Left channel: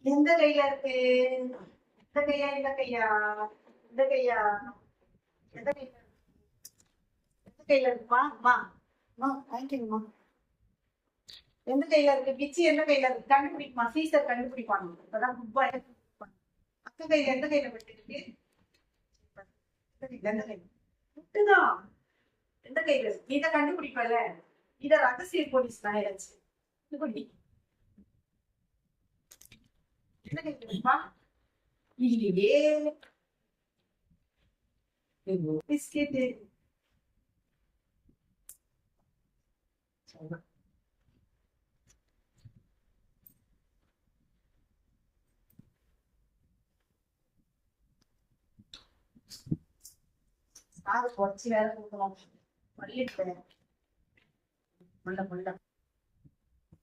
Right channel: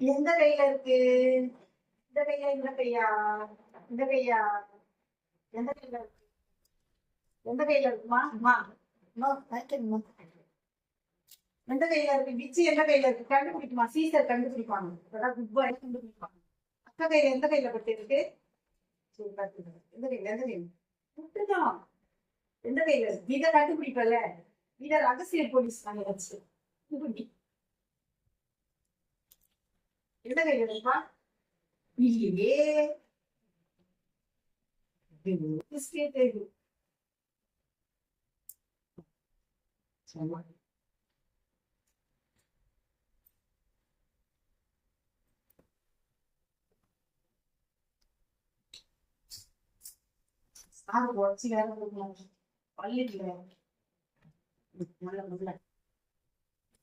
எந்த கையில இருக்கு? இந்த கையா இந்த கையா? இந்த கையா? எந்த கையில இருக்கு? எந்த கையில இருக்குமா அம்மா அம்மா வாங்கிக்கணுமா எந்த கையில இருக்கு? பிச்சி எந்த கையில இருக்கு? கண்டுபிடிக்குமா? சீசர் கண்டுபிடிப்பாங்க. அதான் குப்பா என்ன கண்டுபிடிப்பாங்க. அக்கா கையில எந்த கையில பட்டு இருக்கு சரி, எந்த கையில எந்த கையில? புட்டுதான் எந்த கையில இருக்கு? இதை கண்டுபிடிப்பல இத ரகசிய போலீஸ் கண்டுபிடி எந்த கையில இருக்கா இல்லையே. பிஸ்கெட் சாது உடச்சி வேற கொடுக்கணும். பள்ளி cómo el